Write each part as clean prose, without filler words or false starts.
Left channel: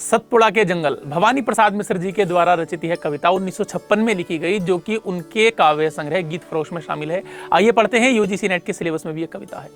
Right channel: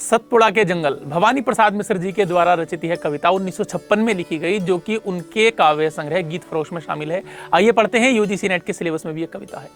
सतपुड़ा के जंगल भवानी प्रसाद मिश्र जी के द्वारा रचित यह कविता 1956 में लिखी गई, जो कि उनके काव्य संग्रह गीत फरोश में शामिल है। आइए पढ़ते हैं, यूजीसी नेट के सिलेबस में भी यह कविता है।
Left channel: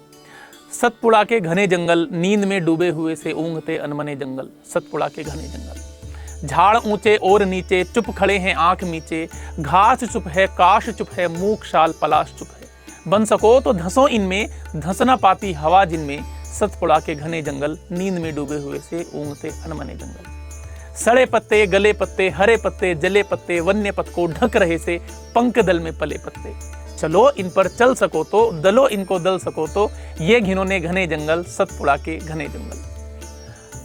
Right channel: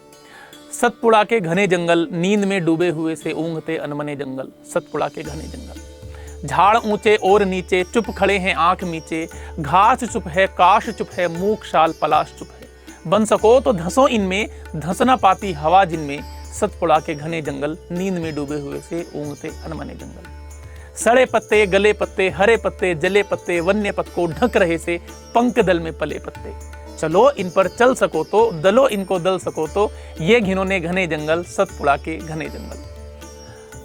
सतपुड़ा के घने जंगल, नींद में डूबे हुए से ऊँघते अनमने जंगल। सतपुड़ा के घने जंगल, झाड़ ऊंचे और नीचे, चुप खड़े हैं आंख मीचे। घास चुप है, काश चुप है, मूक शाल पलाश चुप है। बन सको तो धंसो इनमें, धंसना पाती हवा जिनमें। सतपुड़ा के घने जंगल, नींद में डूबे हुए से ऊँघते अनमने जंगल। सड़े पत्ते, गले पत्ते, हरे पत्ते, जले पत्ते, वन्य पथ को ढक रहे से पंख दल में पले पत्ते। चलो इन पर चल सको तो, दलो इनको दल सको तो, ये घिनौने घने जंगल, सतपुड़ा के घने जंगल।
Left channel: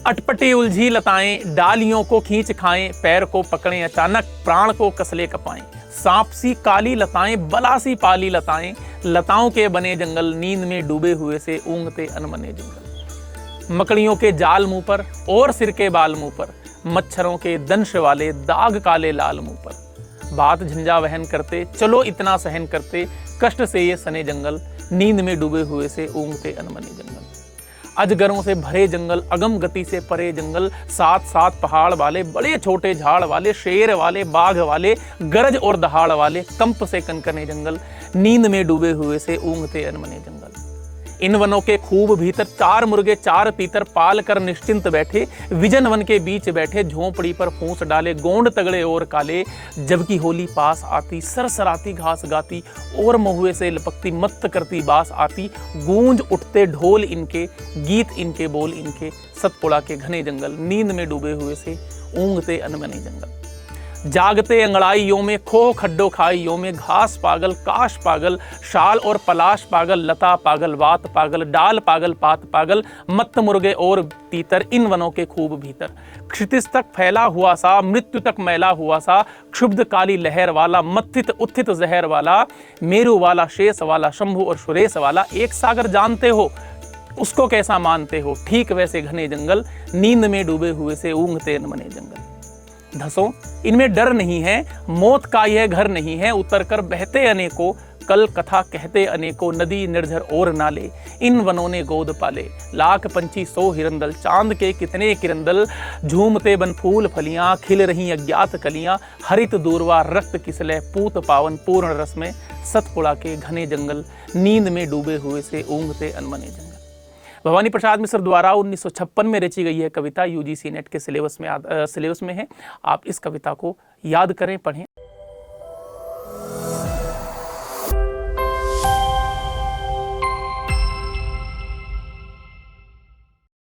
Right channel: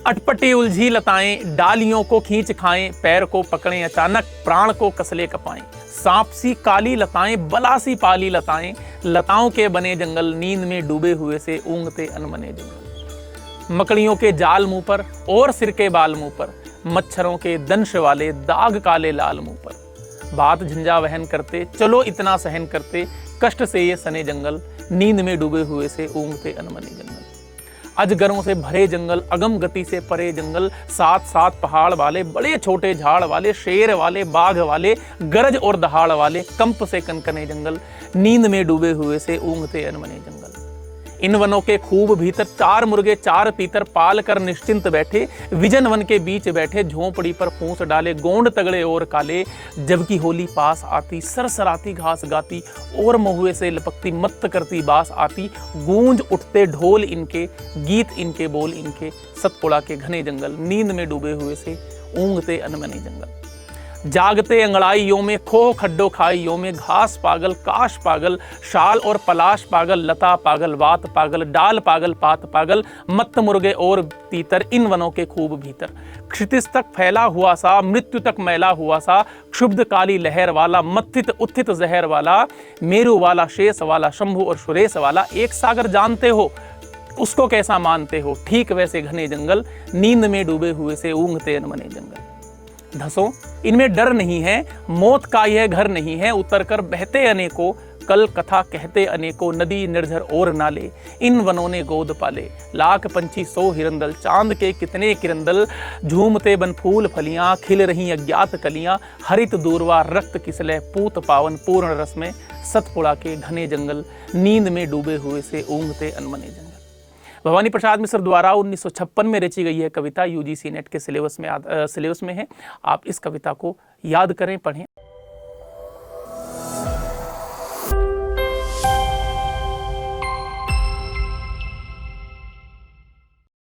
अटपटी उलझी लताएं, डालियों को खींच खाएं, पैर को पकड़ें अचानक, प्राण को कसले कपाएं। सांप सी काली लताएं, बला सी पाली लताएं, लताओं के बने जंगल, नींद में डूबे हुए से ऊँघते अनमने जंगल। मकड़ियों के जाल मुंह पर और सिर के बाल मुंह पर, मच्छरों के दंश वाले दाग काले लाल मुंह पर। बात झंझा वहन करते, चलो इतना सहन करते, कष्ट से ये सने जंगल, नींद में डूबे हुए से ऊँघते अनमने जंगल। अजगरों से भरे जंगल, अगम गति से परे जंगल, साथ साथ पहाड़ वाले, बड़े छोटे झाड़ वाले, शेर वाले, बाघ वाले, गरज और दहाड़ वाले, कंप से कनकने जंगल, नींद में डूबे हुए से ऊँघते अनमने जंगल। इन वनों के खूब भीतर, चार मुर्गे चार पीतर, पाल कर निश्चिंत बैठे, विजन वन के बीच बैठे, झोंपड़ी पर पूंछ डाले, गोंड तगड़े और काले। जबकि होली पास आती, सरसराती घास गाती, और महुए से लपकती, मत्त करती बास आती। गूंज उठते ढोल इनके, गीत इनके, बोल इनके, सतपुड़ा के घने जंगल, नींद में डूबे हुए से ऊँघते अनमने जंगल। जागते अंगड़ाइयों में, खो खड्डो खाइयों में, घास पागल, काश पागल, शाल और पलाश पागल, लता पागल, वात पागल, डाल पागल, पात पागल, मत्त मुर्गे और तीतर, इन वनों के खूब भीतर। क्षितिज तक फैला हुआ सा, मृत्यु तक मैला हुआ सा, क्षुब्ध काली लहर वाला, मत्थित उत्थित जहर वाला, मेरु वाला, शेष वाला, शंभु और सुरेश वाला। एक सागर जानते हो, उसको कैसा मानते हो, ठीक वैसे घने जंगल, नींद में डूबे हुए से ऊँघते अनमने जंगल। धंसो इनमें डर नहीं है, मौत का यह घर नहीं है, उतर कर बहते अनेकों, कल कथा कहते अनेकों, नदी निर्झर और नाले, इन वनों ने गोद पाले। लाख पंछी सौ हिरंदल, चांद के कितने किरंदल, झूमते बन फूल फलियां, खिल रही अज्ञात कलियां, हरित दूरवा रक्त किसले, पूत पावन पूर्ण रस में, सतपुड़ा के घने जंगल, नींद में डूबे हुए से ऊँघते अनमने जंगल। भवानी प्रसाद मिश्र द्वारा 1956 में रची गई है कविता, यूजीसी नेट के सिलेबस में है। आप इस कविता को याद करें, पढ़ें।